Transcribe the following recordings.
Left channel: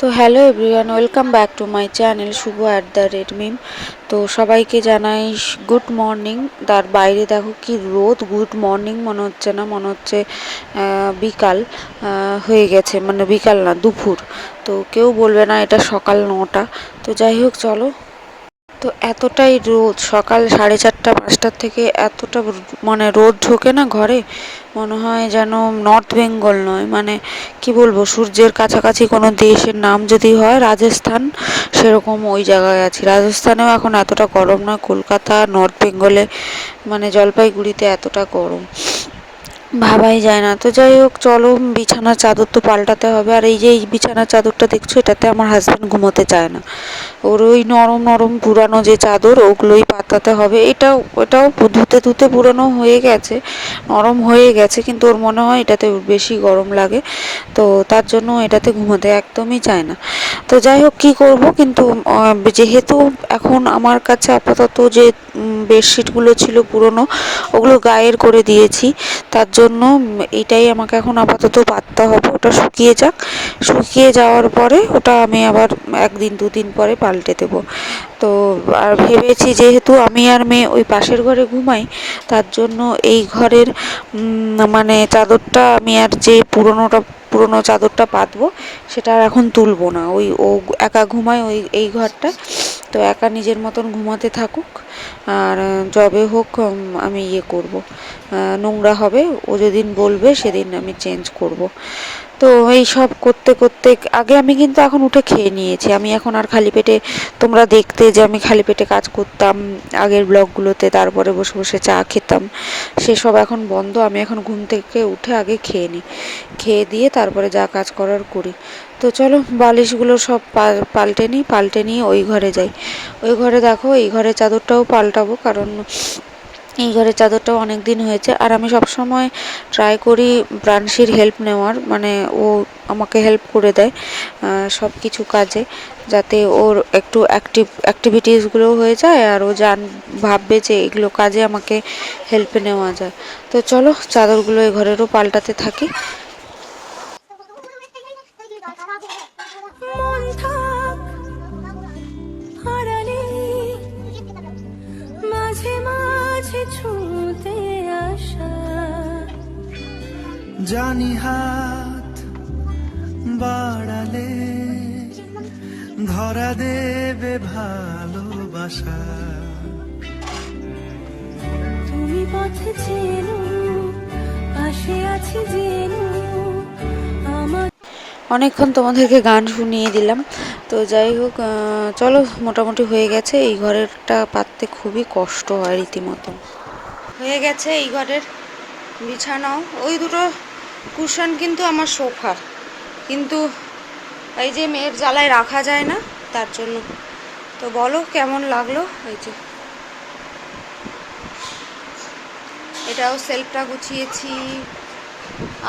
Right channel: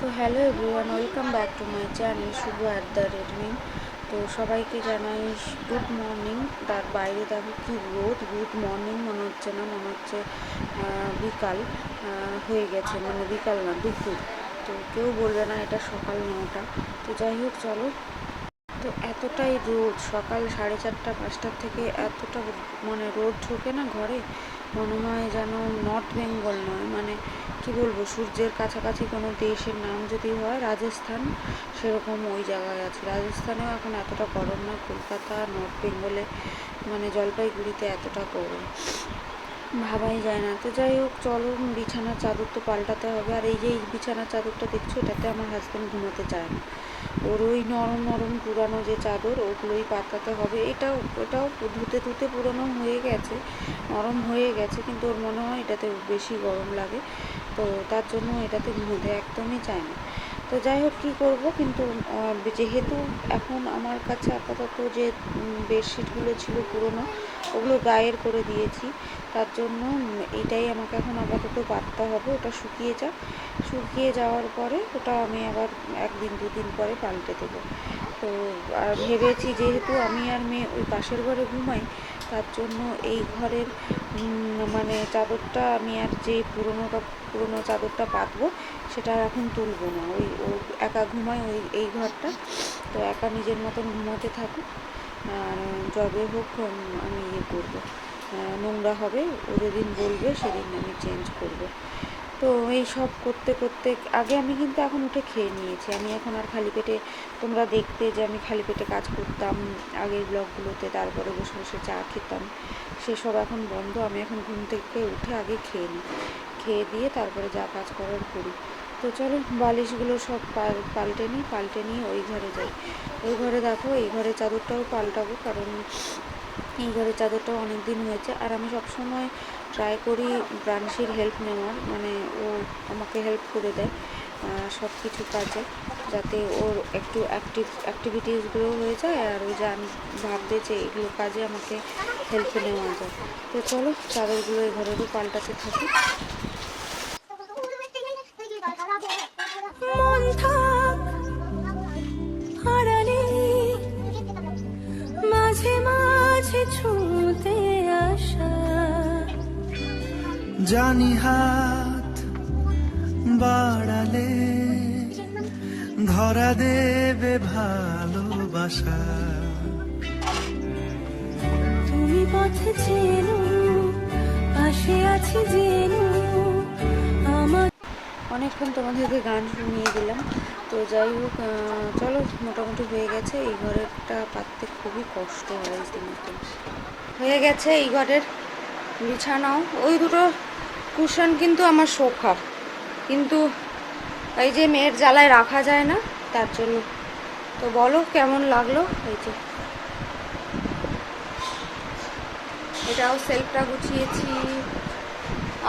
তো hello everyone, welcome back to my channel Shubho @Mim. তো সবাইকে জানাই গুড মর্নিং। তার বাইরে দেখো কি রোদ, গুড মর্নিং মনে হচ্ছে না, মনে হচ্ছে বিকাল হয়ে গেছে, মানে বিকাল না, দুপুর। তো কেউ বলবে না এটা সকাল 9টা। তো যাই হোক চলো। তো এতটাই রোদ, সকাল 4:30-5টার থেকে এতটা মানে রোদ ঢোকে না ঘরে, মনে হয় যেন নর্থ বেঙ্গল নয়, মানে কি বলবো, সূর্যের কাছাকাছি কোনো দেশের নাম যদি হয় রাজস্থান, সেরকম ওই জায়গায় আছি। রাজস্থানেও এখন এতটা গরম নয়, কলকাতা নর্থ বেঙ্গলে মানে জলপাইগুড়িতে এতটা গরম ভাবাই যায় না। তো যাই হোক চলো, বিছানার চাদর তো পাল্টাতে হবে। আর এই যে এই বিছানার চাদরটা দেখছো, এটাতে আমার হাজব্যান্ড ঘুমোতে চায় না। ওর ওই নরম নরম পুরানো যে চাদর, ওগুলোই পাতাতে হবে। এটাও ধুতে ধুতে পুরানো হয়ে গেছে, নরম হয়ে গেছে, কিন্তু ওর মনে হয় এটাতে বেশি গরম লাগে, তো তার জন্য এটাতে ঘুমোতে একদমই চায় না। তো যাই হোক কী করবো, কিন্তু যেহেতু এখন আমার কাছে আপাতত যে বেডশিটগুলো ছিল পুরনো, ওগুলো গায়ের করে দিয়েছি, তার জন্য এটাই আমাকে এখন আপাতত পাততে হবে। ওটা শুকিয়ে যাক, শুকিয়ে যাওয়ার পরে ওটা আমি আবার 1-2 দিন পরে পাল্টে দেবো। তো আর ভেবেছি, যেহেতু আমি আর মেয়ে ওই পাশের ঘরে ঘুমাই, তার জন্য এই ঘরের মানে চাদরটা আমি আর যে পুরনো চাদরটা পাতবো, সেটা আর এখন তুলবো না। ও একা ঘুমায় এই ঘরটা, তো একা নিজের মতন ঘুমাতে থাকুক। আর যবে হোক আমি করব, নোংরা হবে, ও যেদিন বলবে সেদিন আমি চেঞ্জ করব। তো এই সব করতে করতে আগে আমি কিন্তু এখন উঠে খেয়ে নিয়েছি। আমি এখন আর খালি পেটে, তোমরা দেখতে যে আমি খালি পেটে কাজ করতাম আগের ব্লগগুলোতে, তারপরে বসে বসে চা খেতাম, সেসব এখন বন্ধ। আমি এখন ঘুম থেকে উঠে আগে খেয়ে নিই, খেয়ে দিয়ে তারপরে যা কাজ করার করি। তো চলো বালিশগুলো সব পাল্টে নিয়ে ওই ঘরে যাই। ওই ঘরে দেখো, এই ঘরের চাদরটাও পাল্টাবো, কারণ এই ঘরের চাদরটাও অনেক দিন হয়েছে। আর আমি সবসময় ট্রাই করি প্রাণশীর হেল্প নেওয়ার, মানে ও আমাকে হেল্প করে দেয় সব কিছু কাজে, যাতে ওর একটু অ্যাক্টিভিটিসগুলোও হয়ে যায়, আর ও ভাববে যে এগুলো কাজে আমাকে হেল্পে নেওয়া যায়। তো চলো চাদরগুলো এই ঘরেরও পাল্টাতে থাকি। মাঝে মাঝে ছুঁতে আসা, জানি হাত বাড়ালে ধরা দেবে ভালোবাসা। তুমি পথে চেনো, পাশে আছি জেনো আমার। অনেকক্ষণ তোমাদেরকে গান শুনিয়ে দিলাম। তো যাই হোক চলো, মোটামুটি হয়ে গেছে। এই ঘরেরটা পাততে খুবই কষ্ট হয় রীতিমতো। হয়ে গেছে এই ঘরের বিছানাও। ওই দুটো কুশন কিন্তু আমার সোফার, কিন্তু এই যে মেয়ের জ্বালায় রাখা যায় না, তার জন্য। তো বলো কেমন লাগলো। এই যে এটাও সেলফটা গুছিয়েছি।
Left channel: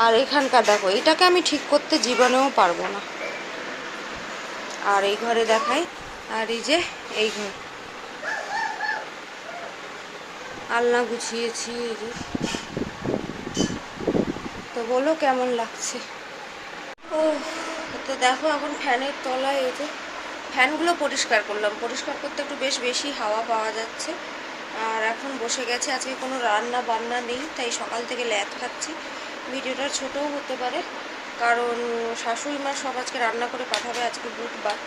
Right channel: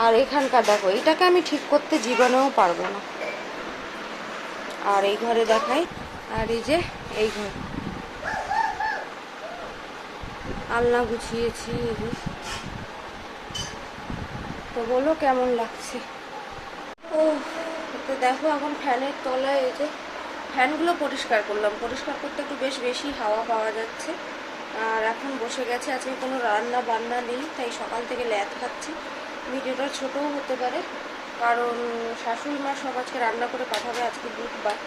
আর এখানকার দেখো, এটাকে আমি ঠিক করতে জীবনেও পারবো না। আর এই ঘরে দেখাই, আর এই যে এই ঘর আলনা গুছিয়েছি, এই যে। তো বলো কেমন লাগছে। ও, তো দেখো এখন ফ্যানের তলায় এই যে ফ্যানগুলো পরিষ্কার করলাম। পরিষ্কার করতে একটু বেশি হাওয়া পাওয়া যাচ্ছে। আর এখন বসে গেছে, আজকে কোনো রান্না বান্না নেই, তাই সকাল থেকে ল্যাদ খাচ্ছি। ভিডিওটা ছোটও হতে পারে, কারণ শাশুড়ি মা সব আজকে রান্না করে পাঠাবে। আজকে বুধবার,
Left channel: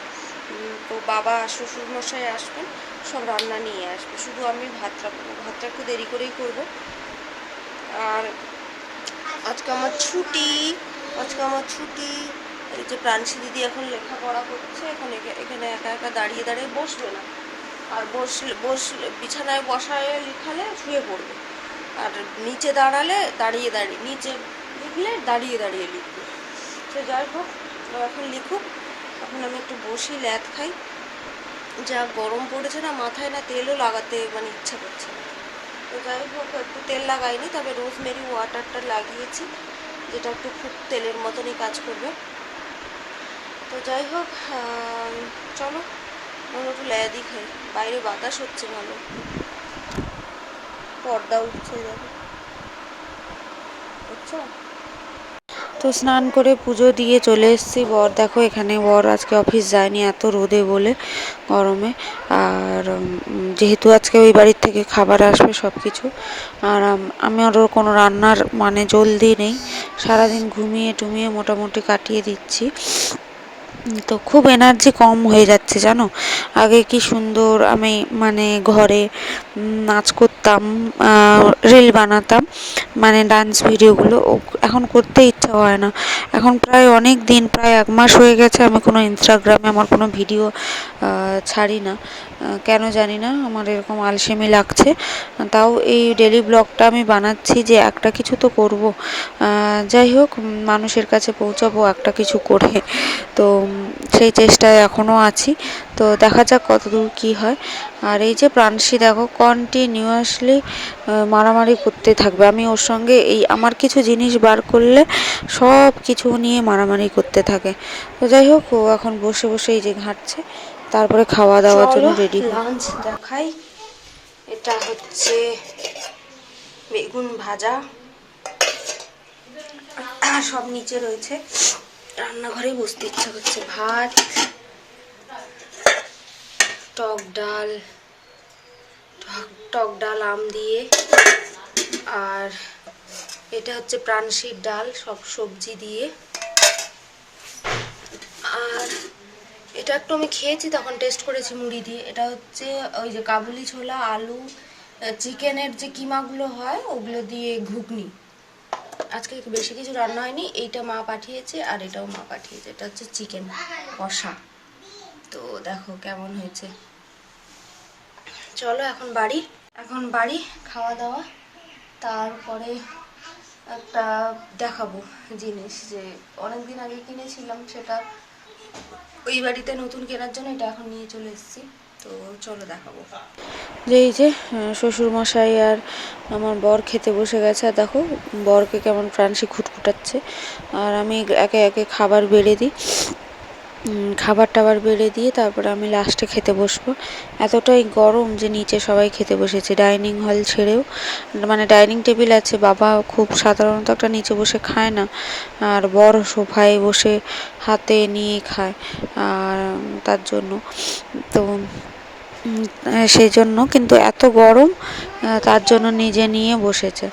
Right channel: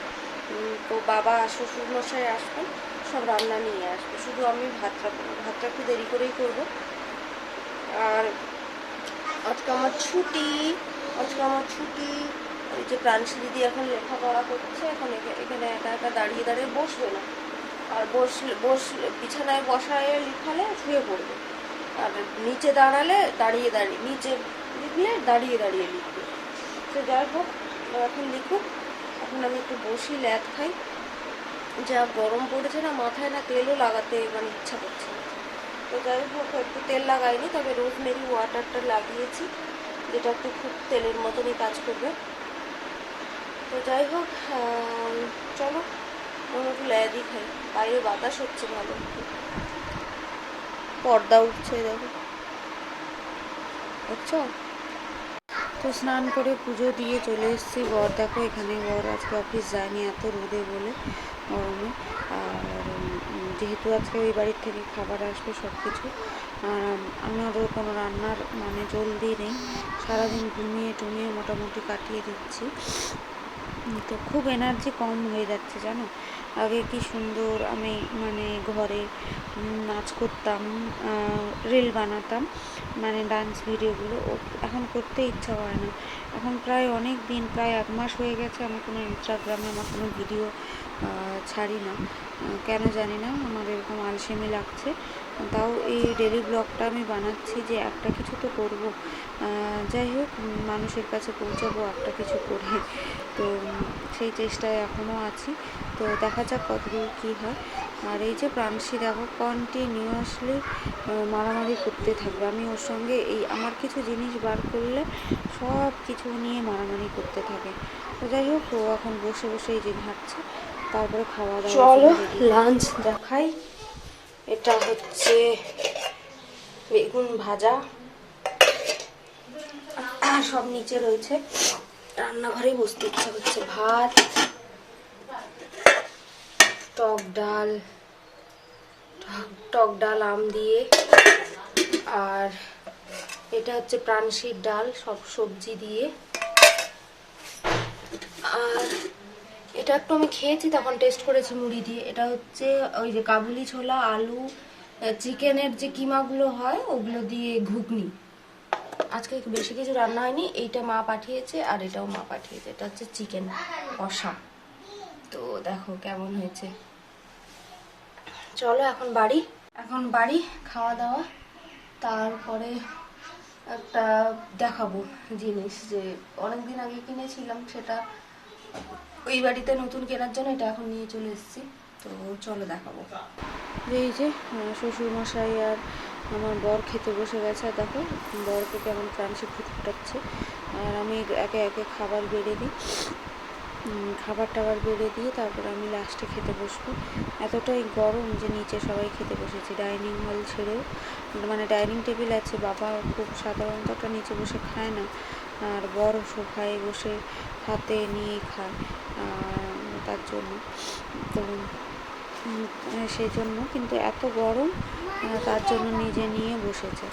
তো বাবা শ্বশুরমশাই আসবেন, সব রান্না নিয়ে আসবে, শুধু আমি ভাতটা একটু দেরি করেই করব। আর আজকে আমার ছুটি, এই যে প্রাণশী দিদি এখন লেখাপড়া করছে, এখন এখানে একা একা দাঁড়িয়ে দাঁড়িয়ে বসবে না। আর বসলে বিছানায় বসায় লিখালে শুয়ে পড়বে, আর নিচে দাঁড়িয়ে নিচে লিখলে দাঁড়িয়ে লিখবে। তো যাই হোক, এখন লিখুক, এখন আমি একটু বসি, ল্যাদ খাই। যা গরম পড়েছে না, মাথায় না তেলও লাগাতে মানে ইচ্ছা করছে না। তো যাই হোক, একটু তেল লাগাইনি, তবে রোজমেরি ওয়াটারটা লাগিয়েছি, যেটা একটু খুব তেলের মতনই কাজ করবে। তো যাই হোক চলো, আমি একটু ল্যাদি খাই। বাইরে বাতাস হচ্ছে ভালো, পর্দা উঠছে দেখো, দেখছো। তো স্নান করে পুজো দিয়ে চলে এসেছি। বর দেখো এখানে, বর আজকে অফিস যায়নি এত রোদে বলে, গরমে। আর যেহেতু আজকে ওই বাড়ির থেকে খাবার আসবে সব কিছু, আর আমি ওর কোনো রান্নার মানে জলদি নেই, সারাদিন ঘুমিয়ে টুমিয়ে মোটামুটি কাটিয়ে দিচ্ছি। তো খুব এনার্জি কম হয়ে যাচ্ছে জানো। আগে কি সুন্দর আমি মানে ঘরে নাচ করতাম, রিল বানাতাম, মানে ডান্স ভিডিওগুলো, এখন করতে ইচ্ছা হয় না। এখন প্রায় অনেক দিন, প্রায় 1 মাস হয়ে গেছে আমি কোনো ইনস্টাগ্রামে আমার কোনো ভিডিও ছাড়ি না। কেন জানি না, আমার এরকম আলসেমি লাগছে। তাও এই ডেলি ব্লগটা আমি বানাচ্ছি যে একটা কিছু তো করব, যাই হোক মানুষের কাছে পৌঁছাবো একটা কিছু করে। তো সেই চেষ্টায় এখনও আছি। তো দেখা যাক কতদূর কী হয়। আর এই যে প্রাণসী দেখো কন্টিনিউয়াসলি মারামারি করতে থাকবে। আমি ওর সঙ্গে এই আমার কিছু জিনিস বার করলে সব কিছু নিয়ে মারামারি করতে থাকে। তো যাই হোক, ও এখন বসে বসে এই যে ঘাঁটছে, তারপরে খাওয়া দাওয়ার জন্য রেডি। লাঞ্চ দেখাই, এটা হচ্ছে বেগুন ভাজা, সব নিচে রয়েছে, রান্নাঘরেই বসতে ইচ্ছা করছে। ভাত, টক ডাল, টক ডাল আম দিয়ে, আর এটা হচ্ছে প্রাণশীর ডাল সব সবজি দিয়ে। আর এটা একটু আমি খেয়েছি তখন, টেস্ট করেছি মুড়ি দিয়ে। এটা হচ্ছে ওই যে কাবুলি ছোলা, আলু, চিকেনের যে কিমাগুলো হয় ওগুলো দিয়ে ঘুগনি। আজকে বেশি কিছু রান্না হয়নি, এইটা মা পাঠিয়েছে আর এটাও মা পাঠিয়েছে। এটা হচ্ছে চিকেন কষা। তো দেখো কেমন হয়েছে। চলো এখন বাড়ি খাওয়া দাওয়া, তারপরে একটা দেখাবো জিনিস যে অনেকদিন আগে কিনেছিলাম, সেটা ওই বাড়িতে নতুন কেনার জন্য এটা এখন নিয়ে চলে এসেছি। তো চলো দেখাবো। যে এই যে শ্বশুরমশাই আর আমার বর খেতে বসে গেছে, আর দেখো বরকে কেমন প্রাণসী খুঁটখুটাচ্ছে। আর আমি একে একে খাবার বেড়ে দিই, খাবার টাবার বেড়ে দিয়ে তারপরে আমি লাস্টে খেতে বসবো। এতটাই গরম যে নিচে সবাই খেতে বসেছে, ডাইনিং হল ছেড়েও। মানে ডাইনিং টেবিল আছে, বাবা খুব সাধারণত একটা নিচে বসে খায় না, আর বড় সোফায় বসে হাতে নিয়ে খায়, আর তার জন্য তো সেই জন্য কিন্তু এত গরম, তার জন্য নিজে নিয়ে বসেছে।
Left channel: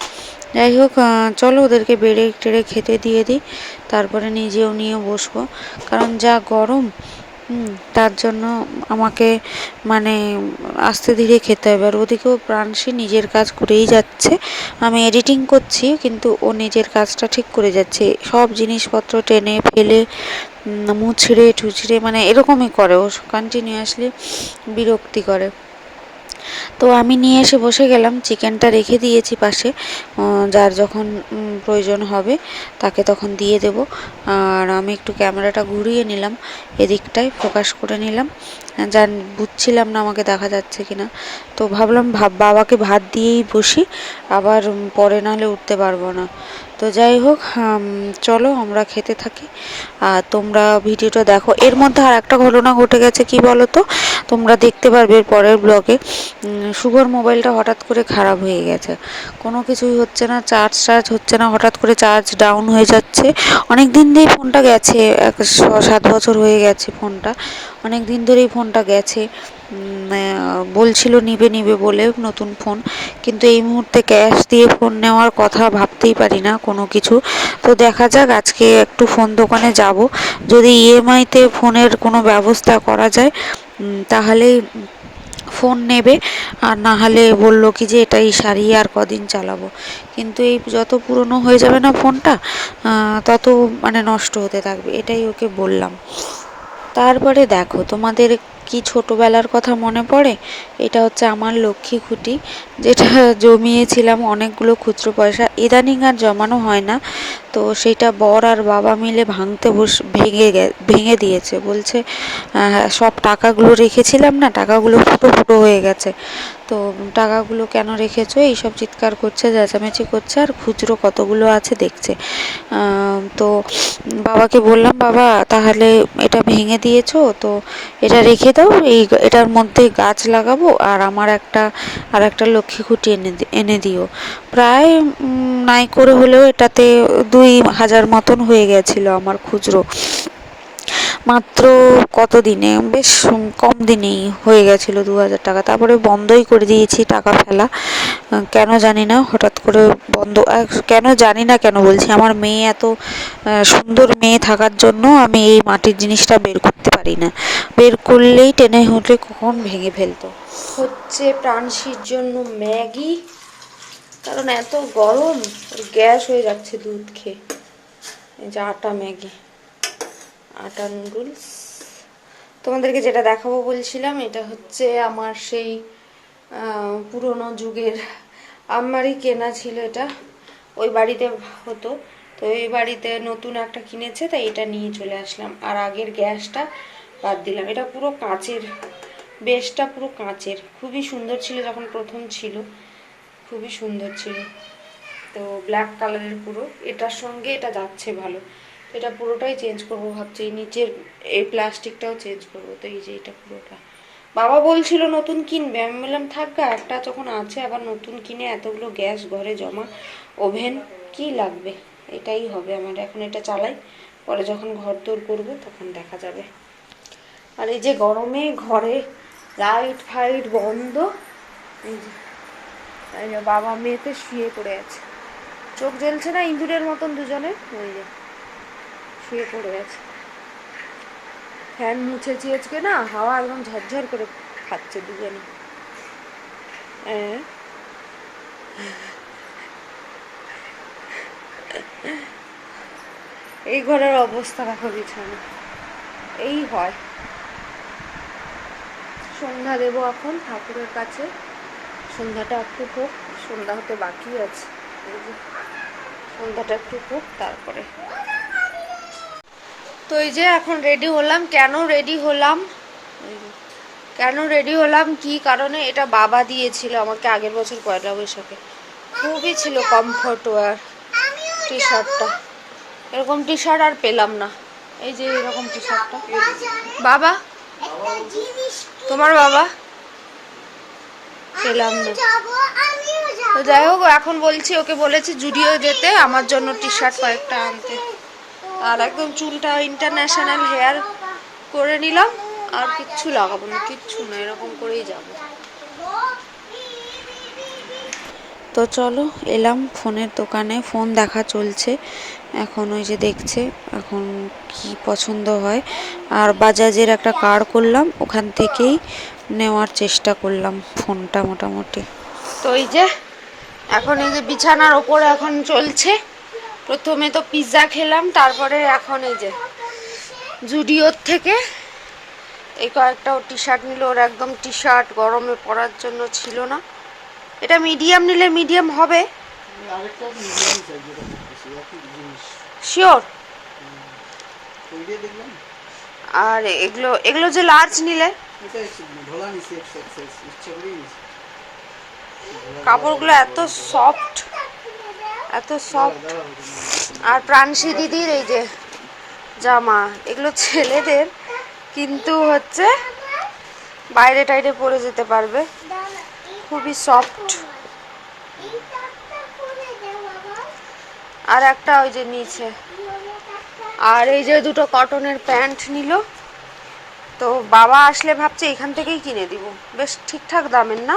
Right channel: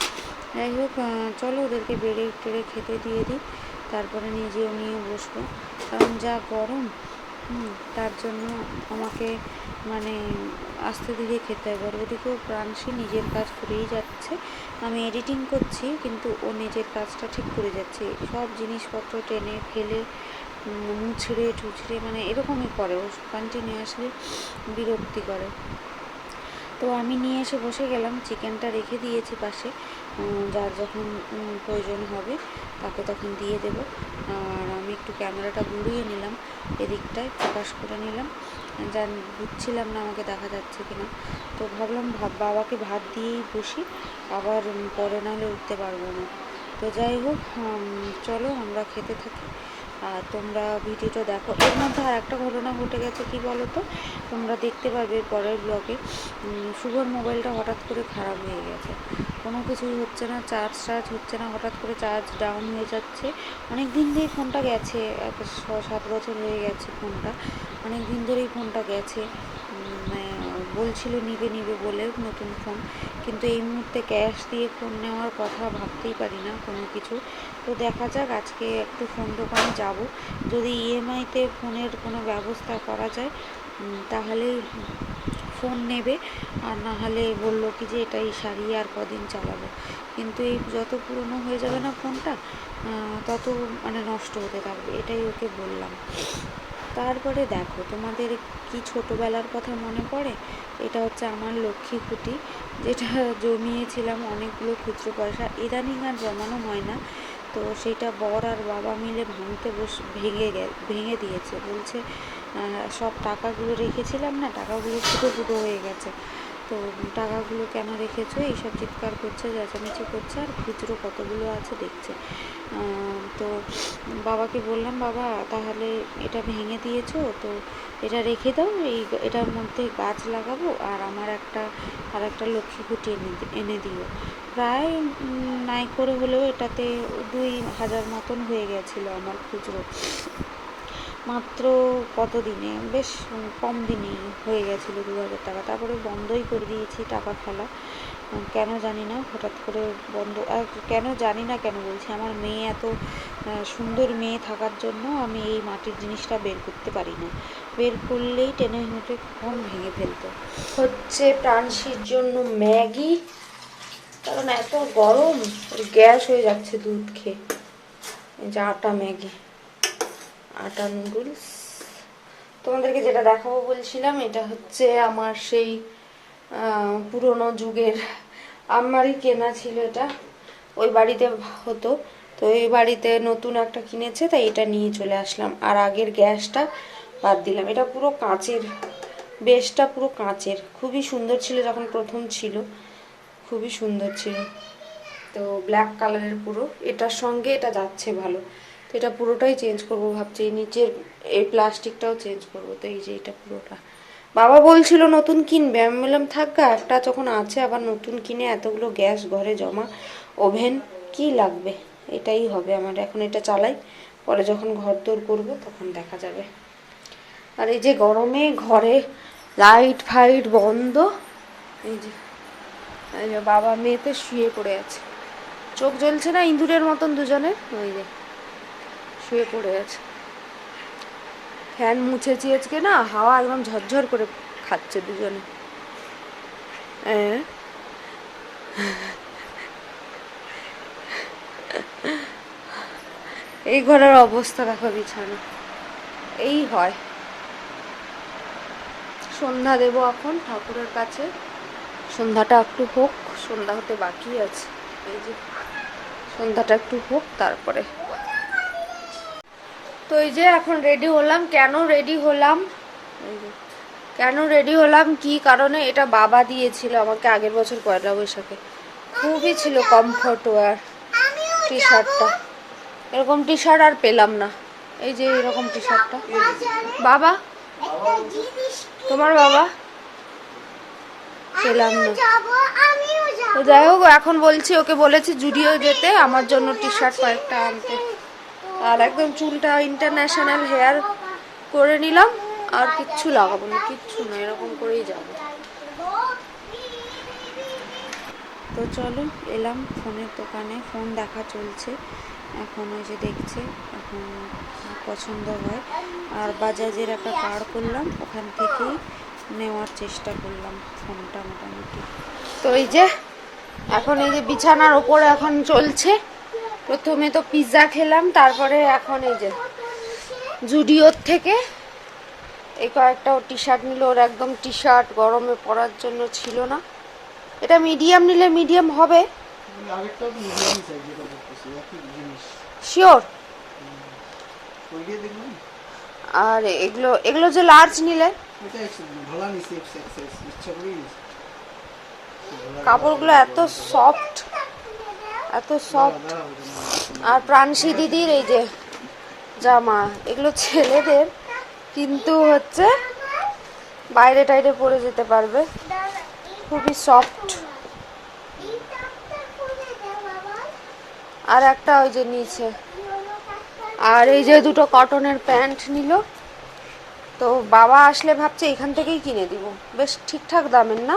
যাই হোক, চলো ওদেরকে বেড়ে টেড়ে খেতে দিয়ে দিই, তারপরে নিজেও নিয়ে বসবো, কারণ যা গরম, তার জন্য আমাকে মানে আস্তে ধীরে খেতে হবে। আর ওদিকেও প্রাণসী নিজের কাজ করেই যাচ্ছে, আমি এডিটিং করছি কিন্তু ও নিজের কাজটা ঠিক করে যাচ্ছে, সব জিনিসপত্র টেনে ফেলে মুছড়ে টুছড়ে, মানে এরকমই করে ও, কন্টিনিউয়াসলি বিরক্তি করে। তো আমি নিয়ে এসে বসে গেলাম, চিকেনটা রেখে দিয়েছি পাশে, যার যখন প্রয়োজন হবে তাকে তখন দিয়ে দেব। আর আমি একটু ক্যামেরাটা ঘুরিয়ে নিলাম, এদিকটায় ফোকাস করে নিলাম, বুঝছিলাম না আমাকে দেখা যাচ্ছে কিনা। তো ভাবলাম বাবাকে ভাত দিয়েই বসি, আবার পরে নাহলে উঠতে পারবো না। তো যাই হোক, চলো আমরা খেতে থাকি আর তোমরা ভিডিওটা দেখো। এর মধ্যে আর একটা ঘটনা ঘটে গেছে, কি বলো তো, তোমরা দেখতে পারবে এর পরের ব্লগে। শুভর মোবাইলটা হঠাৎ করে খারাপ হয়ে গেছে, কোনো কিছুই হচ্ছে না, চার্জ হচ্ছে না, হঠাৎ করে চার্জ ডাউন হয়ে যাচ্ছে। অনেক দিন ধরেই ফোনটা গেছে, 7 বছর হয়ে গেছে ফোনটা, অনেক দিন ধরেই ফোনটা গেছে। বলছিল নিবে বলে নতুন ফোন, কিন্তু এই মুহূর্তে ক্যাশ দিয়ে ফোন নেওয়ার কথা ভাবতেই পারি না কোনো কিছু। তো দেখা যাক, আজকে একটু ফোন দোকানে যাব, যদি ইএমআইতে ফোনের কোনো ব্যবস্থা করা যায় তাহলেই ফোন নেবে, আর না হলে বললো কি যে এটাই সারিয়ে আর কদিন চালাবো। কিন্তু এই যত পুরনো হয়ে যাবে না ফোনটা, তত মানে নষ্ট হতে থাকবে, এটাই ওকে বললাম। তারপরে দেখো, তোমাদের কি ছোটোবেলার কথা মনে পড়ে? এটা হচ্ছে আমার লক্ষ্মী খুঁটি, যেটা জমিয়েছিলাম অনেকগুলো খুচরো পয়সা, ইদানিং আর জমানো হয় না। তো সেটা বর আর বাবা মিলে ভেঙে দিয়েছে, বলছে সব টাকাগুলো রেখেছিলাম না, টাকাগুলো ফুটো ফুটো হয়ে গেছে, তো টাকাগুলো কেন রেখেছো, এইসব চিৎকার করছে, চেঁচামেচি করছে, আর খুচরো কতগুলো আছে দেখছে। তো বাবাকে বললাম, বাবা তাহলে এটা ভেঙে দিয়েছো তো এটা রেখে দাও, তো এটার মধ্যে গাছ লাগাবো, আর আমার আর একটা লক্ষ্মী খুঁটি এনে দিও। প্রায় নাই করে হলেও এটাতে 2,000 মতন হয়ে গেছিল আমার খুচরো, মাত্র কত দিনে, বেশ কম দিনেই হয়ে গেছিলো 2,000 টাকা। তারপরে বন্ধই করে দিয়েছি টাকা ফেলা, কেন জানি না হঠাৎ করে বন্ধ। কেন জানি না, কেন বলছি, আমার মেয়ে এত সুন্দর মেয়ে থাকার জন্য আমি এই মাটির জিনিসটা বের করতে পারি না, বের করলেই টেনে উঠলে কখন ভেঙে ফেলতো। হচ্ছে প্রাণশীর জন্য ম্যাগি, কারণ এত গরম ওর গ্যাস হয়ে যাচ্ছে দুধ খেয়ে। এই যে আটা ম্যাগি, আটা নুডলস। তোমাদেরকে যেটা দেখাবো বলছিলাম, এটা হচ্ছে আমার সেই পুরনো যুগের আলমারি কেনা ছিল, এটা ওই বাড়িতে হতো, তো এই বাড়িতে নতুন একটা কিনেছে, তাই এটা নিয়ে চলে আসলাম। আর আগের গ্যাসটা বাদ দিলাম। এটা পুরো কাঁচের, বেশটা পুরো কাঁচের, খুবই সুন্দর ছিল যখন প্রথম ছিল, খুবই সুন্দর ছিল। তো ব্ল্যাক কালারের পুরো, এটার সঙ্গে এটা যাচ্ছে ভালো। তো এটা পুরোটাই চেঞ্জ করব ভাবছি, এই নিচের এই প্লাস্টিকটাও চেঞ্জ করব। তো এই যে এটা পুরোটা, বাবা বলছিল নতুন কিনবে, আমি বললাম থাক গা, একটা যখন আছে আবার নতুন কিনে এতগুলো গ্যাস ঘরে জমা, ওভেন কি লাগবে, এটাই হবে আমার। এখন এটা চালাই, পরে যখন ঘর দৌড় করবো তখন দেখা যাবে। আর এই যে গরমে ঘরে লাইট ফাইট বন্ধ, এই যে বাবা মেয়েতে শুয়ে পড়ে আছে, চোখ জ্বলছে না ইঁদুরের মতন দুজনে, ওই যে শুয়ে পড়ে আছে। ফ্যান মুছেছি আজকে না, হাওয়া একদম ঝরঝর করে খাচ্ছে দুজনে। এই ঘরের অবস্থা দেখো, বিছানা এই হয়। সন্ধ্যা দেবো এখন ঠাকুরের কাছে, সন্ধ্যাটা একটু হোক, সন্ধ্যা হতে বাকি আছে। এই যে সন্ধ্যাটা একটু হোক তারপরে। তো এই যে এখন রেডি হলাম। কেন রেডি হলাম, কেন রেডি হলাম, কি কারণে, এটা বাবা দিয়েছিল আমাকে আগের বছর পয়লা বৈশাখে। খুবই ছিল কমফর্ট ওয়ার টি শার্টটা, এরকম টি শার্ট আর পেলাম না। এই যে এরকম টি শার্টটা বাবা, তোমার বাবা, পেলাম না। তো যাই হোক, এখন বলছি, ওকে বলেছি জুডিও যেতে আমার জন্য টি শার্ট কয়েকটা আনতে। আর একদম চুলটা ইন্টারন্যাশনাল হেয়ার করে নিলাম, আর কিচ্ছু লাগাবো না, কিচ্ছু না, এরকম করেই যাব। তো চলো, এলাম ফোনের দোকানে, ফোন দেখা চলছে এখন, ওই যে দেখছে এখন কি পছন্দ হয়। আর বাজাজের একটা কার্ড করলাম, ওখান থেকেই নেওয়ার চেষ্টা করলাম ফোনটা মোটামুটি। তো এই যে এখন এই যে বিছানার ওপর এখন চলছে, প্রথমে তো পিৎজা খেলাম, তারপরে এখন এই যে জুডিওর থেকে এই কয়েকটা টি শার্ট নিল। ওর একদম টি শার্ট গরমে পরার জন্য ছিল না, এটা মিডিয়াম নিলে মিডিয়াম হবে, শিওর। আর এগুলো এগুলো যে লার্জ নিলে, কাপড়গুলো এত সফট, এত সফট। আর প্রাণশী দিদির এই যে জামা, এগুলো ছেলেদের, কিন্তু হচ্ছে বাইরে টাইরে পরে যেতে পারবে, খুবই সফট। আর একটা ওই যে নিচে, আর এই যে দুটো কটনের প্যান্ট নিল। তো বাবা আসলে ভাবছি এখান থেকেই কিনে দিব, বেশ ঠিকঠাক দামের না,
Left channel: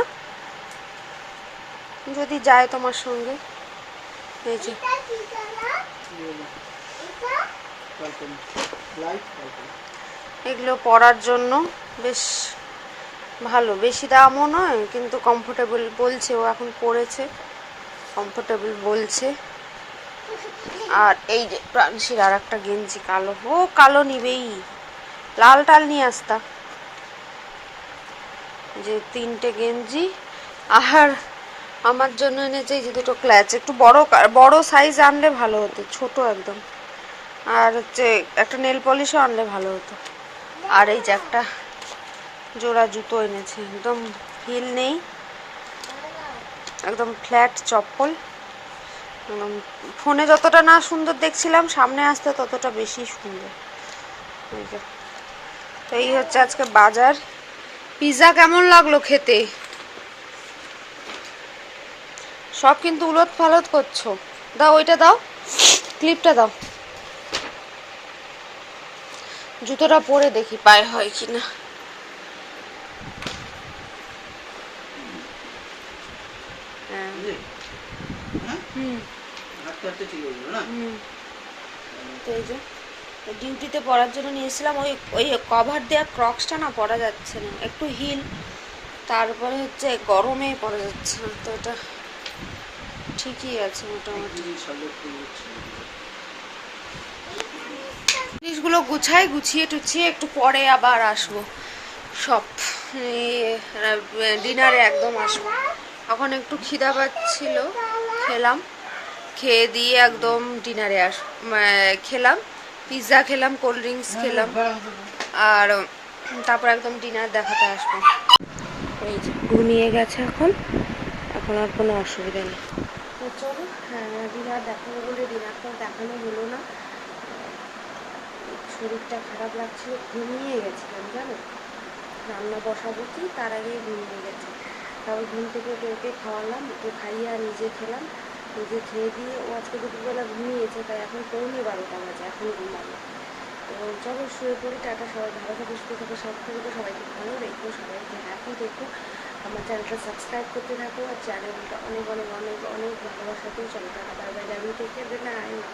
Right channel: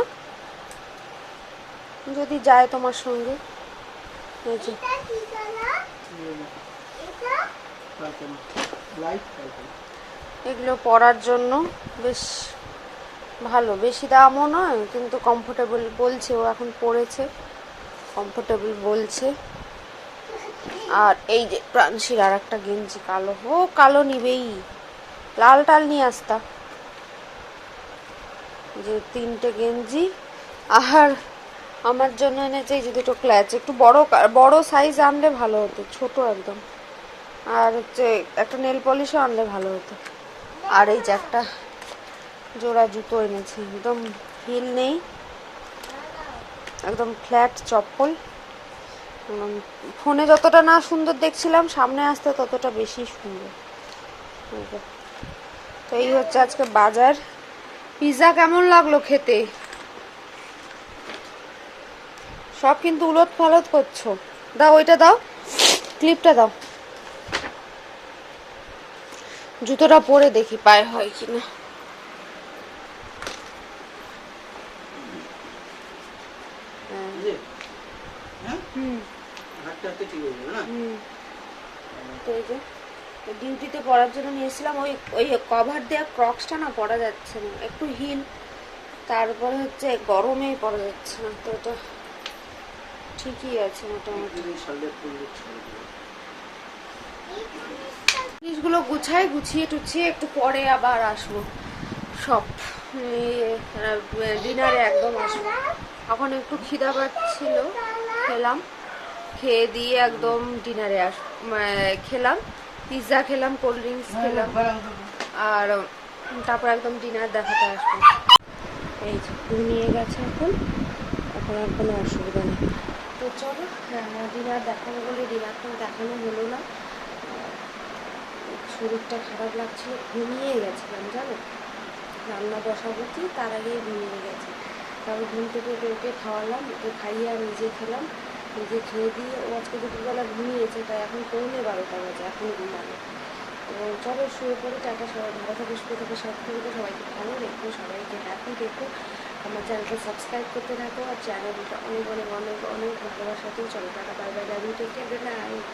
যদি যায় তোমার সঙ্গে। এই যে এগুলো পরার জন্য বেশ ভালো, বেশি দামও নয়, কিন্তু কমফোর্টেবল বলছে, ও এখন পরেছে, কমফোর্টেবল বলছে। আর এই যে প্রাণশীর আর একটা গেঞ্জি কালো, ও কালো নিবেই, লাল টাল নিয়ে আসতা। যে 3টে গেঞ্জি, আর আমার জন্য এনেছে এই যে দুটো ক্ল্যাচ, একটু বড় সাইজ আনলে ভালো হতো, ছোট একদম। আর হচ্ছে একটা নেল পলিশও আনলে ভালো হতো। আর এই যে একটা জোড়া জুতো এনেছে, একদম হিল নেই, একদম ফ্ল্যাট চপ্পল। ফোনে যতটা না সুন্দর দেখছিলাম, সামনে আসতে ততটা বেশি সুন্দর। তো এই হচ্ছে আজকে বাজার। পিৎজা কেমন লাগলো খেতে? সব কিন্তু উলট পালট করছো। দাও ওইটা দাও, ক্লিপটা দাও। জুতোটা পরে দেখি পায়ে হয় কিনা। হুম হুম। তো এই যে ডিউটিতে পরার জন্য নিয়েছিলাম, ওই ওই কভার দেওয়া ক্রক্সটা না পরা যাচ্ছে না, একটু হিল, তারপরে হচ্ছে গরমে পরা যাচ্ছে না, তো এটা ঠিকই আছে মোটামুটি। জিনিসগুলো গুছাই, গুছিয়ে টুছিয়ে একটু পরে আবার আসবো সব, ডিনারে একদম আসবো। এখন একটু খিদা পাচ্ছিল, খেলাম, খেয়ে দিয়ে একদম ডিনারে খেলাম, পিৎজা খেলাম, কোল্ড ড্রিঙ্কস খেলাম, আর তারপর একদম ডিনার দেখাতে আসবো। এই যে ঘুমিয়ে গেছে এখন, এখন আর কোনো অসুবিধা নেই। তো চলো, ডিনার দেখাবো বলে ডিনারটাও দেখানো হলো না, শরীরটা খারাপ লাগছিল, ঘুমিয়ে গেছিলাম জানো, রান্না বসাবো কি তার আগেই ঘুমিয়ে গেছে। তারপর ঘুম থেকে ওকে খাওয়ালাম, ওকে খাইয়ে আর নিজে খেলাম, নিজে খেয়ে দিয়ে ও আজকে দুপুরবেলা ঘুমিয়েছে, তাই এখন 11:15 বাজে, এখন ঘুমালো। এবং চলো শুয়ে পড়ি, টাটা, সবাই ভালো থাকো, সুস্থ থাকো, সব থেকে সবাইকে ভালো রেখো, সবাইকে হ্যাপি রেখো, আমার চ্যানেলটা সাবস্ক্রাইব করতে থাকো, আর চ্যানেলটা অনেক অনেক অনেক অনেক ভালোবাসা দিও। চলো টাটা, bye bye, love you, take care, good night.